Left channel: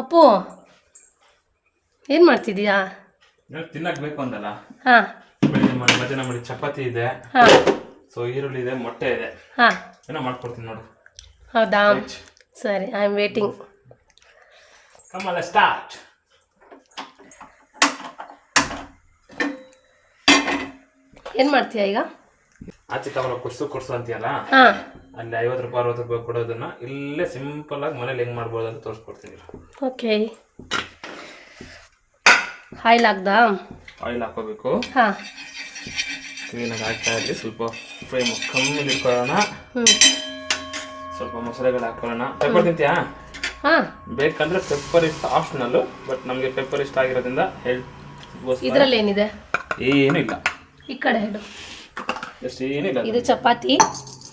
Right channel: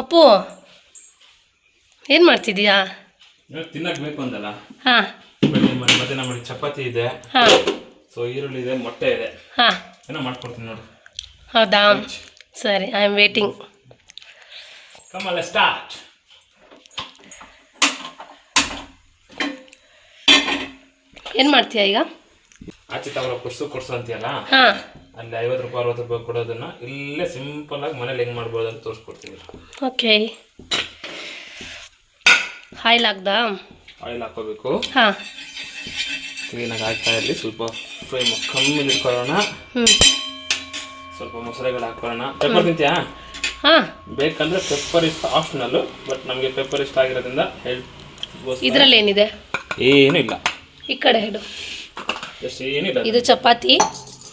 ಅಪ್ಪು ಏನು ಮಾಡ್ತಿದ್ದೀಯಾ? ತಿನ್ನಕ್ಕೆ ಬೇಕು ಅಂದಲ್ಲ. ಹಾಂ ಮಧ್ಯಾಹ್ನ ಮಾಡಿ ಚಪಾತಿ ಇದೆ. ಹಾಂ ಸೊ ಈರುಳ್ಳಿ ಇದೆ, ಮೊಟ್ಟೆ ಇದೆ. ಹಾಂ ಏನೋ ಮಾಡ್ಕೊಡ್ತೀನಿ ನೋಡು. ಹೌದಾ? ಸರಿ, I am waiting. Kamala start. ಏನು ಮಾಡ್ತೀಯಾ ಈಗ? ಆಚೆ ತಗೊಳ್ಳೋ ಕೊಡ್ಸು ಅಂತೀಯಲ್ಲ, ಹಾಂ ಅಲ್ಲಿ 50 ರೂಪಾಯಿ 60 ರೂಪಾಯಿ ಕೊಡೋದನ್ನ ಇಲ್ಲೇ ಸಿಂಪಲ್ ಆಗಿ ಮನೇಲಿ ಹೆಂಗೆ ಮಾಡ್ಬೋದು ಅಂತ ತೋರಿಸ್ಕೊಡ್ತೀವಿ. ಓಕೆ. ಆಯಿಲ್ ಹಾಕ್ದಾ? ಆಯಿಲ್ ಹಾಕೋಬೇಕು. ಹಾಂ ಕ್ಲೀನಾಗಿ ಹಾಕ್ತಾ ಇರಲಿ. ಸ್ವಲ್ಪ ಫ್ಲೇಮ್ ಕಮ್ಮಿ ಇಟ್ಕೊಳ್ಳೋಣ. ಸ್ವಲ್ಪ ಮೊಸಳೆಗಳು ಹಾಕೊಳ್ಳೋಣ. ಪೆಪ್ಪರ್ ತಿಂತೀಯಾ? ಹಾಂ ಬೇಕಂದ್ರೆ ಪೆಪ್ಪರ್ ಇಷ್ಟ ಆಪ್ಷನಲ್ಲು, ಬಟ್ ನಮಗೆ ಪೆಪ್ಪರ್ ಇಷ್ಟ ಆಗಿರೋದ್ರಿಂದ ಹೆಲ್ತ್. ಇದರಲ್ಲಿ ಏನಿದೆ? ಏನೂ ಇಲ್ಲ. ಈ ಕಡೆ ಇಡು. ಏನಿಲ್ಲ. ಇದು ಚಪಾತಿ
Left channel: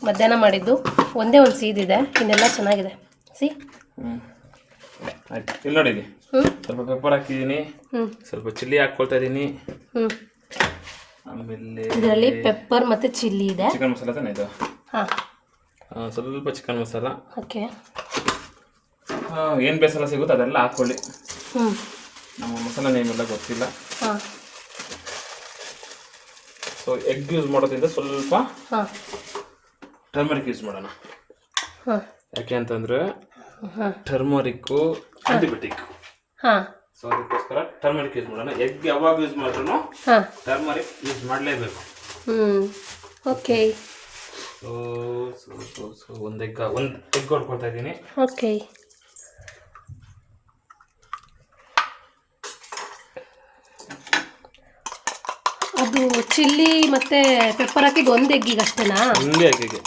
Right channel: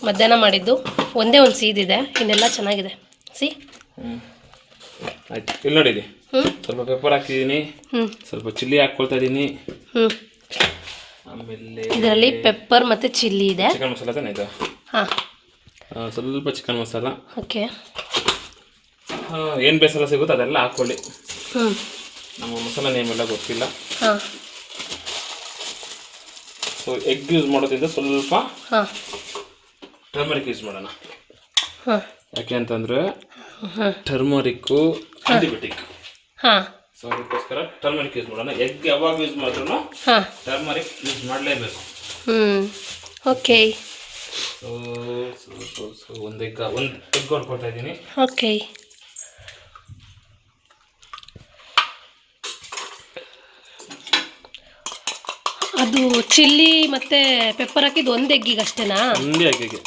ಮಧ್ಯಾಹ್ನ ಮಾಡಿದ್ದು. ಒಂದೇ ಒಂದು ಸೀದಿದೆ, ಇನ್ನೆಲ್ಲ ಚೆನ್ನಾಗಿದೆ. ಆಯ್ತು, ಇಲ್ಲಿ ನೋಡಿದಿ. ಸ್ವಲ್ಪ ಪೆಪ್ಪರ್ ಹಾಕ್ತಿದ್ದೀನಿ, ಸ್ವಲ್ಪ ಚಿಲ್ಲಿ ಹಾಕ್ಕೊಳ್ತಾ ಇದ್ದೀನಿ. ಆಮೇಲೆ ಇದರಲ್ಲಿ ಪೆಪ್ಪರ್ ಮತ್ತು ಚಿಲ್ಲಿ ಇದೆ. ಚಿಕನ್ ಮಸಾಲ ತಾನೆ ಇದು? ಹಾಂ ಸ್ವಲ್ಪ ಚಿಕನ್ ಮಸಾಲ. ಓಕೆ. ಏನು ಬೇಸರ ಸಿಗುತ್ತೋ ಅದೆಲ್ಲ ಹಾಕ್ಕೊಳ್ಳಿ. ನಮ್ಮ ಮಸಾಲ ನೇಮೆಲ್ಲ ಗೊತ್ತಿಲ್ಲ. ಹಾಂ ಸೊ ಎಗ್ ಯೂಸ್ ಮಾಡೋದ್ರಿಂದ ಸ್ವಲ್ಪ ಹಾಂ ಟರ್ಮರಿಕ್ ಯೂಸ್ ಮಾಡೋಣ. ಹಾಂ ಯಾಕೆ ಅಂತಂದರೆ ಟರ್ಮರಿಕ್ಕು ಆಂಟಿಬಯೋಟಿಕ್. ಹಾಂ ಸೊ ಅದಕ್ಕೋಸ್ಕರ ಟರ್ಮರಿಕ್ ಯೂಸ್ ಮಾಡೋಣ. ಎಗ್ ಯಾವಾಗ ಯೂಸ್ ಮಾಡಿದ್ರು ಹಾಂ ಟರ್ಮರಿಕ್ ಯೂಸ್ ಮಾಡಲೇಬೇಕು. ಓಕೆ. ಸೊ ಒಂದು ಎಗ್ ಹೊಡ್ಕೊಳ್ತಾ ಇದ್ದೀನಿ. ಓಕೆ. ಅದು ಚಿಲ್ಲಿ ಮತ್ತು ಪೆಪ್ಪರ್ ಹಾಕಿದ್ದು ಒಂದು ಎಗ್ಗಿಗೆ ಅಷ್ಟೇನಾ? ಒಂದು ಎಗ್ಗಿಗೆ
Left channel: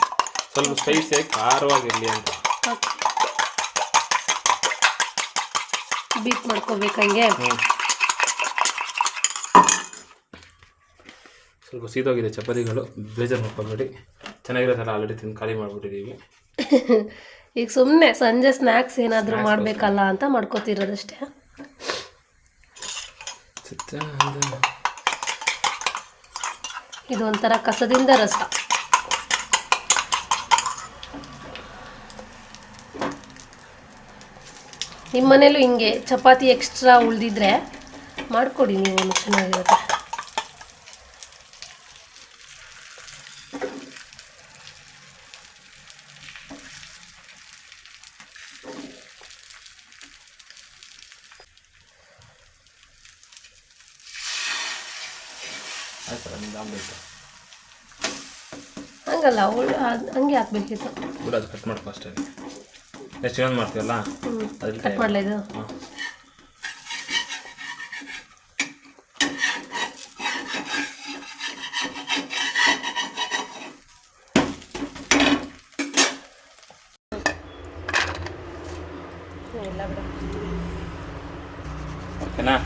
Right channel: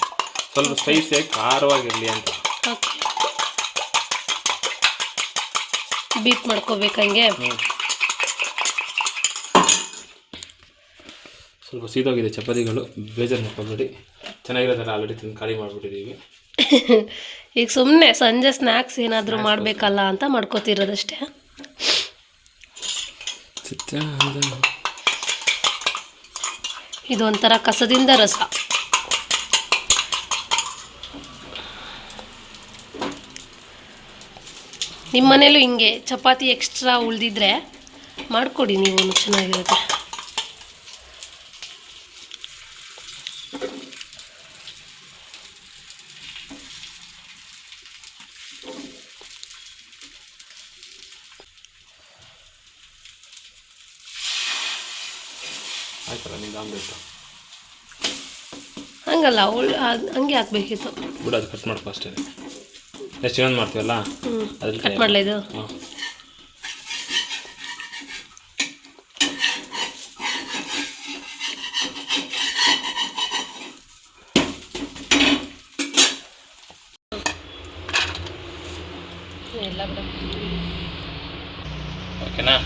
ಸ್ವಲ್ಪ ಸ್ಪೈಸಿಯಾಗಿ ಖಾರವಾಗಿರಲಿ ಅಂತ. ಓಕೆ. ಬೀಟ್ ಮಾಡ್ಕೋಬೇಕು ಹಂಗೆ. ಸ್ವಲ್ಪ ಸೀದೋಗಿದೆ ಚಪಾತಿಗಳು, ಬೇಜಾರು ಮಾಡ್ಕೊಬೇಡಿ. ಚೆನ್ನಾಗಿರೋದಲ್ಲ, ಆಲ್ರೆಡಿ ತಿಂದು ಖಾಲಿ ಮಾಡಿಬಿಟ್ಟಿದ್ದೀವಿ. ಈಗ ಸುಮ್ಮನೆ ಸಂಜೆ ಸ್ನ್ಯಾಕ್ಸ್ ಏನಾದರೂ ಮಾಡಬೇಕಲ್ಲ ಅಂತ ಮಾಡ್ಕೋತಿರೋದಷ್ಟೇ. ಇದು ಒಂಥರ ಕಸದಿಂದ ರಸ. ನಿಮ್ಮ ಮನೇಲೂ ಹಿಂಗೆ ಚಪಾತಿ ಎಕ್ಸ್ಟ್ರಾ ಉಳಿದಿದ್ರೆ ಮಾಡಿಕೊಡಿ, ನೀವು ಚೆನ್ನಾಗಿರುತ್ತೆ. ಹಂಗಲ್ಲ, ಹಂಗೆ ಹಾಕ್ಬೇಕಿತ್ತು. ಕೂಡ ಅದು ಕಟ್ ಮಾಡ್ಕೊ ಅಷ್ಟೇ. ಎಷ್ಟು ಏನು ಮಾಡ್ತೀವಲ್ಲ ಅದ್ರಲ್ಲಿ ಕಟ್ ಮಾಡಲ ಇದು. ಎಲ್ಲ ಬಿಡ. ಓಕೆನಾ?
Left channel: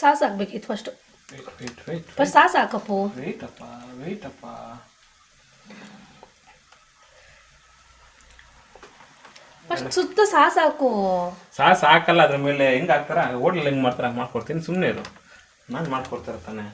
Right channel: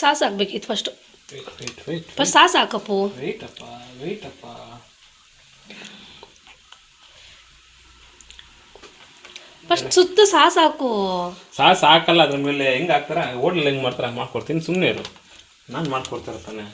ಸಾಸ್ ಹಾಕ್ಬೇಕಿತ್ತು ಫಸ್ಟು. ಫಸ್ಟ್ ಸಾಸ್ ಹಾಕಪ್ಪು. ವೇಟಪ್ಪ. ಫಸ್ಟ್ ಸುತ್ತ ಸಾಸ್ ಹಾಕು. ಸಾಸ್ ಹಾಕಲ್ಲ ಅದ್ರ ಮೇಲೆ. ಹೆಂಗೆ ಹಾಕ್ತಾರ ಹೋಟ್ಲಲ್ಲಿ ಹೆಂಗೆ ಮಾಡ್ತಾರ ಮಾಡ್ಕೊಡ್ತೀನಿ, ಸುಮ್ಮನೆ ಇರು. ನಾನು ಮಾಡ್ಕೊಡ್ತಾರೆ ತಾನೆ.